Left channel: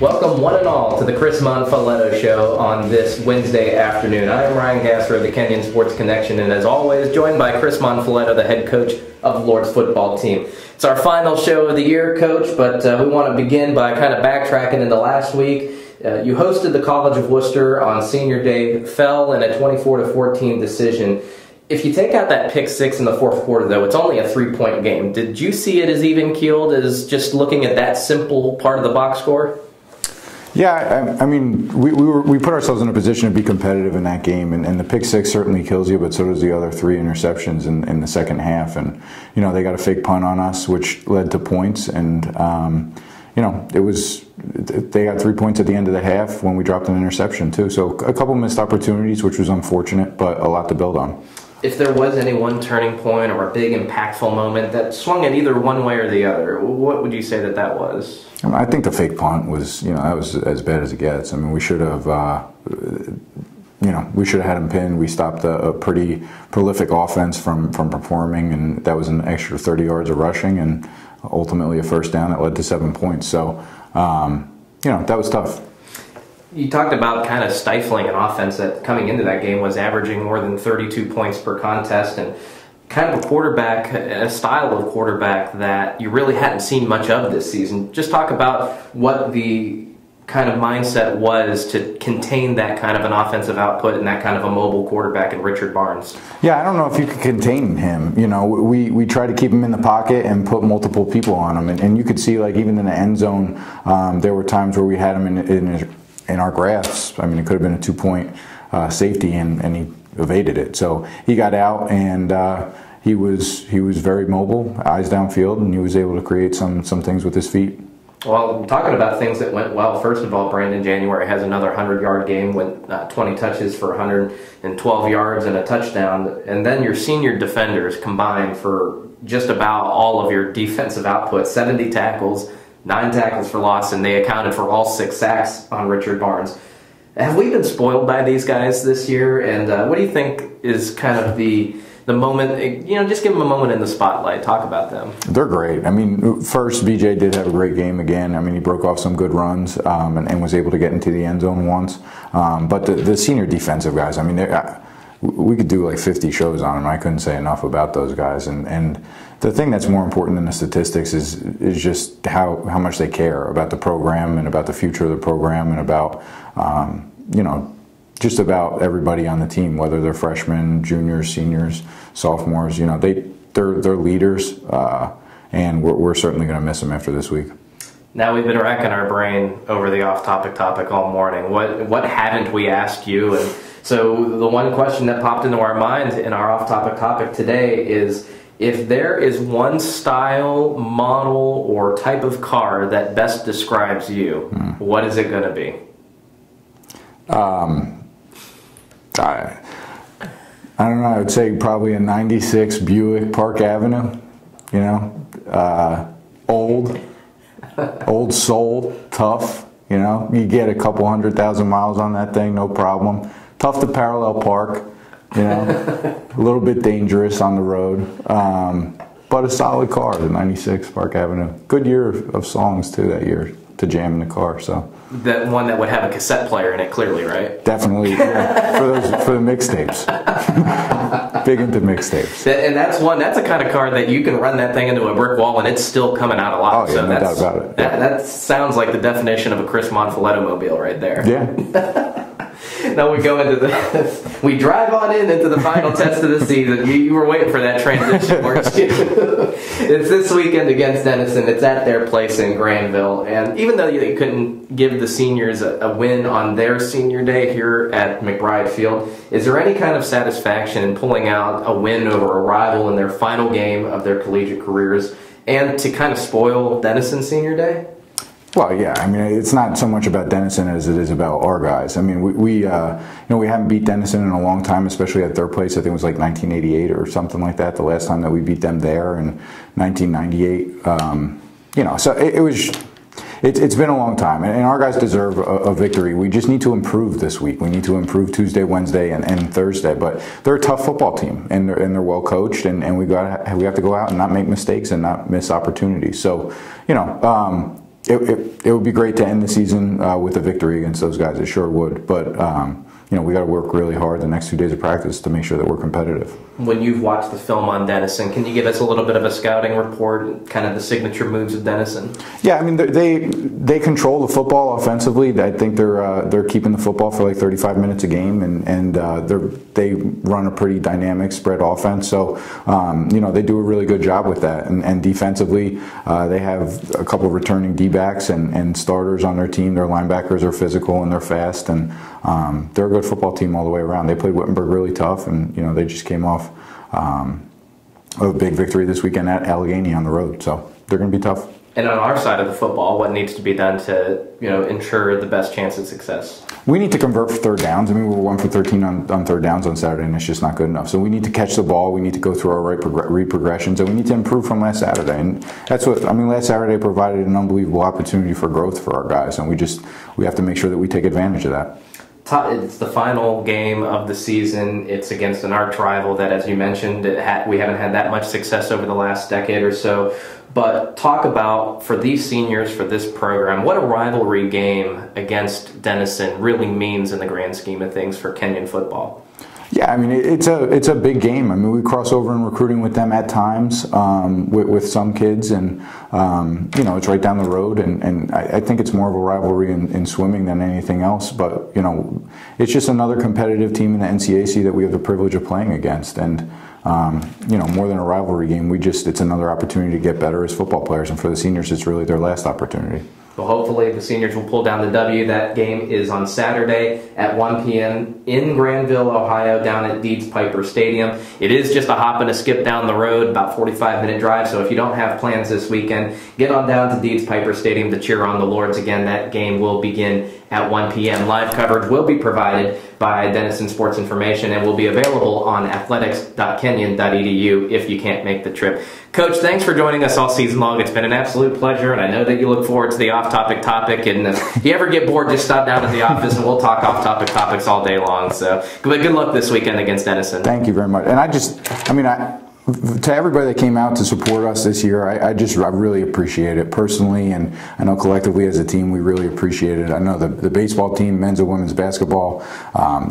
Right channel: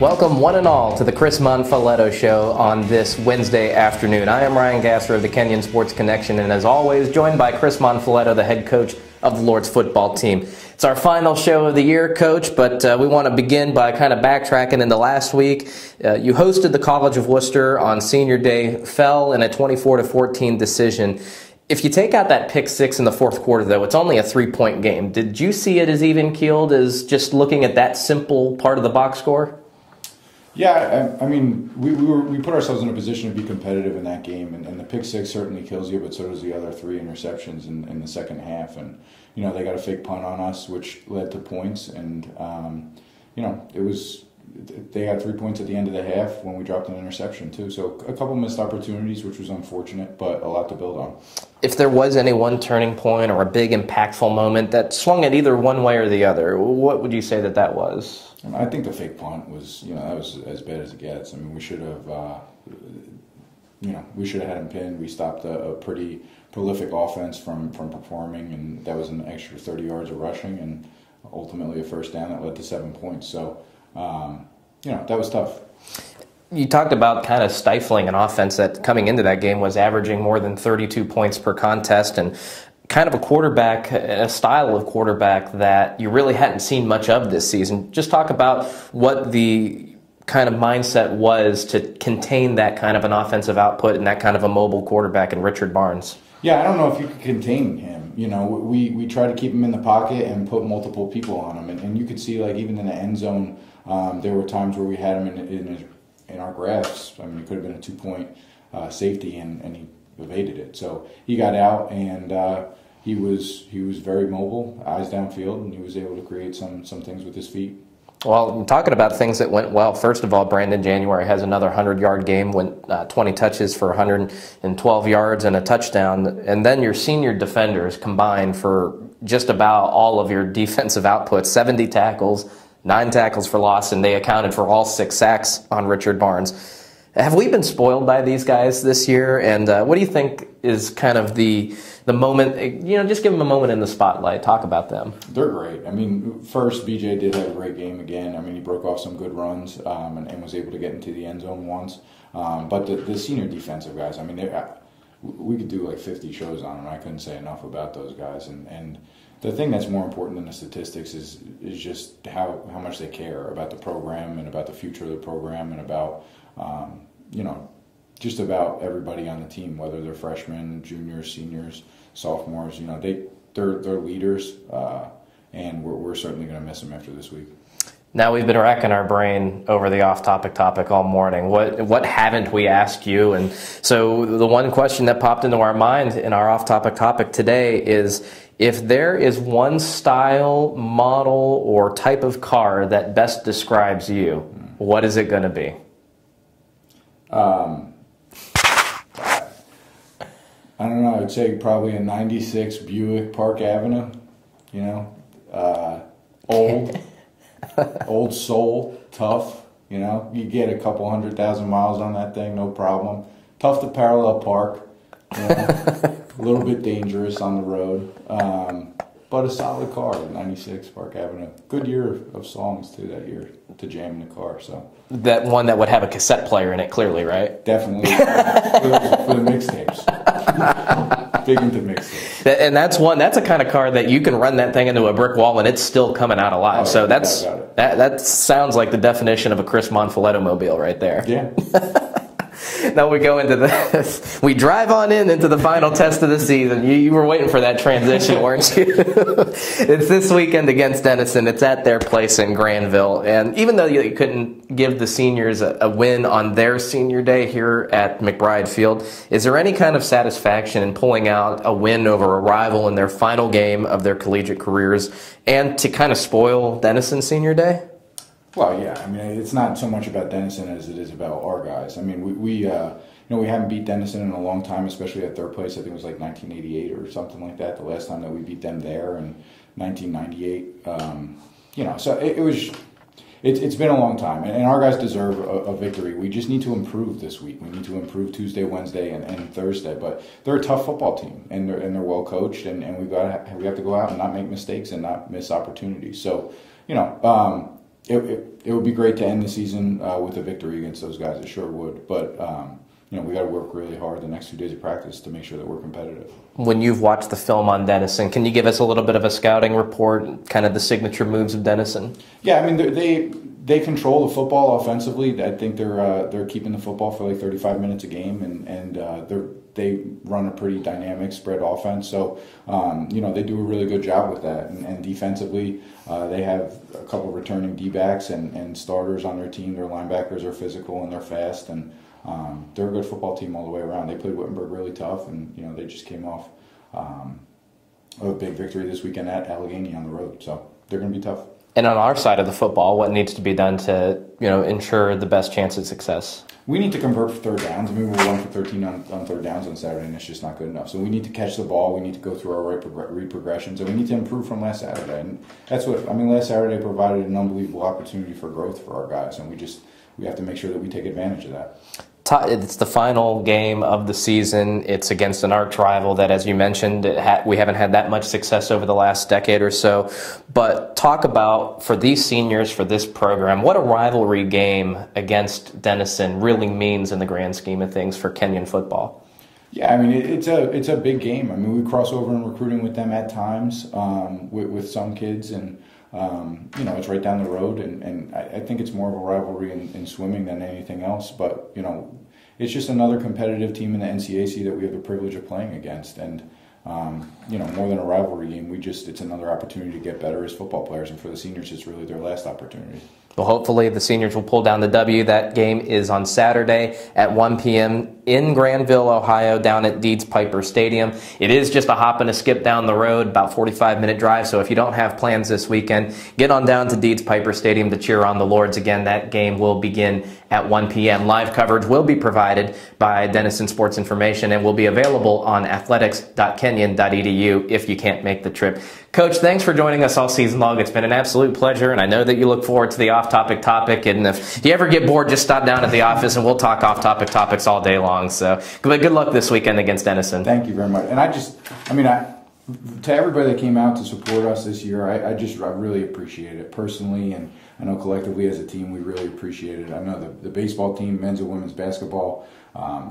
Welcome one and all to the Chris Monfiletto Show on this Wednesday afternoon. I am Ryan Gasser of the Kenyon Sports Connection, and as always, joined by Chris Monfiletto, the head coach of the Lord's football team. It's our final show of the year, Coach, but we want to begin by kind of backtracking into last week. You hosted the College of Wooster on Senior Day, fell in a 24-14 decision. If you take out that pick six in the fourth quarter, though, it's only a 3-point game. Did you see it as even-keeled, as just looking at that simple part of the box score? Yeah, I mean, we put ourselves in a position to be competitive in that game, and the pick six certainly kills you, but so does the other 3 interceptions in the second half. And, you know, they got a fake punt on us, which led to points, and, you know, they got 3 points at the end of the half when we dropped an interception, too. So a couple missed opportunities, which was unfortunate, but a lot to build on. If there was any one turning point or a big impactful moment that swung it either one way or the other, what would you say that was? I think the fake punt was, you know, that was as bad as it gets. I mean, we should have, you know, we should have had him pinned. We stopped a pretty prolific offense from performing, and that was an extra 30 yards of rushing and ultimately a first down that led to 7 points. So, you know, that was tough. You talked about kind of stifling an offense that coming into that game was averaging more than 32 points per contest, and kind of a quarterback, a style of quarterback that you really hadn't seen much of this season. Just talk about what the kind of mindset was to contain that kind of an offensive output and that kind of a mobile quarterback in Richard Barnes. Yeah, I don't know if you could contain him. You know, we try to keep him in the pocket and put multiple people on him, and you could see, like, even in the end zone, there were times where we had him in our grasp. I mean, it could have been a 2-point safety, and he evaded it. So he got out, and he was very mobile, eyes downfield, and he was able to create some things with his feet. Well, talking about things that went well, first of all, Brandon January has another 100-yard game, went 20 touches for 112 yards and a touchdown, and then your senior defenders combined for just about all of your defensive output, 70 tackles, 9 tackles for loss, and they accounted for all 6 sacks on Richard Barnes. Have we been spoiled by these guys this year? And what do you think is kind of the moment, you know, just give them a moment in the spotlight. Talk about them. They're great. I mean, first, BJ did have a great game again. I mean, he broke off some good runs and was able to get into the end zone once. But the senior defensive guys, I mean, we could do like 50 shows on them. I couldn't say enough about those guys. And the thing that's more important than the statistics is just how much they care about the program and about the future of the program and about, you know, just about everybody on the team, whether they're freshmen, juniors, seniors, sophomores. You know, they're leaders, and we're certainly going to miss them after this week. Now, we've been racking our brain over the off-topic topic all morning. What haven't we asked you? And so the one question that popped into our minds in our off-topic topic today is, if there is one style, model, or type of car that best describes you, what is it going to be? I don't know. I would say probably a 96 Buick Park Avenue. You know, old soul, tough. You know, you get a couple 100,000 miles on that thing, no problem. Tough to parallel park. You know, a little bit dangerous on the road, but a solid car. The 96 Park Avenue. Good year of songs too that year to jam in the car. So. That one that would have a cassette player in it, clearly, right? Definitely, for the mixtapes. Big into mixtapes. And that's a kind of car that you can run that thing into a brick wall and it's still coming out alive. Oh, yeah, so no that's doubt about it. That sounds like the definition of a Chris Monfiletto mobile right there. Yeah. Now we go into this. We drive on into the final test of the season. You were waiting for that transition, weren't you? It's this weekend against Denison. It's at their place in Granville. And even though you couldn't give the seniors a win on their senior day here at McBride Field, is there any kind of satisfaction in pulling out a win over a rival in their final game of their collegiate careers and to kind of spoil Denison's senior day? Well, yeah. I mean, it's not so much about Denison as it is about our guys. I mean, we you know, we haven't beat Denison in a long time, especially at their place. I think it was like 1988 or something like that. The last time that we beat them there in 1998. You know, so it's been a long time, and our guys deserve a victory. We just need to improve this week. We need to improve Tuesday, Wednesday, and Thursday. But they're a tough football team, and they're well coached, and we have to go out and not make mistakes and not miss opportunities. So, you know. It would be great to end the season with a victory against those guys. It sure would. But we got to work really hard the next 2 days of practice to make sure that we're competitive. When you've watched the film on Denison, can you give us a little bit of a scouting report, kind of the signature moves of Denison? Yeah, I mean they control the football offensively. I think they're keeping the football for like 35 minutes a game, and they run a pretty dynamic spread offense. So they do a really good job with that. And defensively, they have a couple of returning D-backs and starters on their team. Their linebackers are physical and they're fast, and they're a good football team all the way around. They played Wittenberg really tough, and they just came off a big victory this weekend at Allegheny on the road. So they're going to be tough. And on our side of the football, what needs to be done to ensure the best chance of success? We need to convert for third downs. I mean, we were 1 for 13 on third downs on Saturday, and it's just not good enough. So we need to catch the ball. We need to go through our read progressions, and we need to improve from last Saturday. And that's what last Saturday provided an unbelievable opportunity for growth for our guys, and we have to make sure that we take advantage of that. It's the final game of the season. It's against an arch rival that, as you mentioned, we haven't had that much success over the last decade or so. But talk about, for these seniors, for this program, what a rivalry game against Denison really means in the grand scheme of things for Kenyon football. Yeah, I mean, it's a big game. I mean, we cross over in recruiting with them at times with some kids, and it's right down the road. And I think it's more of a rivalry in swimming than anything else. But it's just another competitive team in the NCAC that we have the privilege of playing against. And more than a rivalry game, it's another opportunity to get better as football players. And for the seniors, it's really their last opportunity. Well, hopefully the seniors will pull down the W. That game is on Saturday at 1 p.m. in Granville, Ohio, down at Deeds Piper Stadium. It is just a hop and a skip down the road, about 45-minute drive. So if you don't have plans this weekend, get on down to Deeds Piper Stadium to cheer on the Lords again. That game will begin at 1 p.m. Live coverage will be provided by Denison Sports Information and will be available on athletics.kenyon.edu if you can't make the trip. Coach, thanks for joining us all season long. It's been an absolute pleasure, and I know that you look forward to the off-topic topic. And if you ever get bored, just stop down at the office, and we'll talk off-topic topics all day long. So, but good luck this weekend against Denison. Thank you very much. And to everybody that came out to support us this year, I really appreciate it personally, and I know collectively as a team we really appreciate it. I know the baseball team, men's and women's basketball,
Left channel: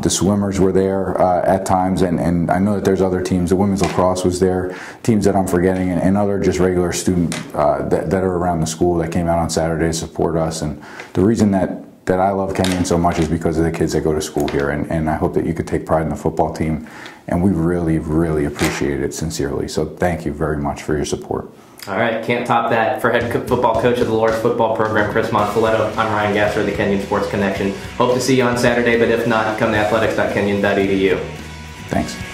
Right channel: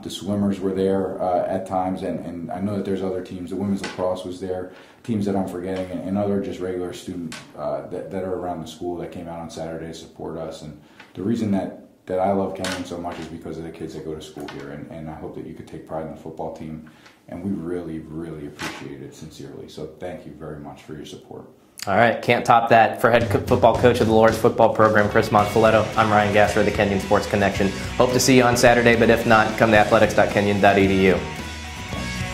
the swimmers were there at times, and I know that there's other teams. The women's lacrosse was there, teams that I'm forgetting, and other just regular students that are around the school that came out on Saturday to support us. And the reason that I love Kenyon so much is because of the kids that go to school here, and I hope that you could take pride in the football team, and we really, really appreciate it sincerely. So thank you very much for your support. All right, can't top that. For head football coach of the Lords football program, Chris Monfiletto, I'm Ryan Gasser of the Kenyon Sports Connection. Hope to see you on Saturday, but if not, come to athletics.kenyon.edu. Thanks.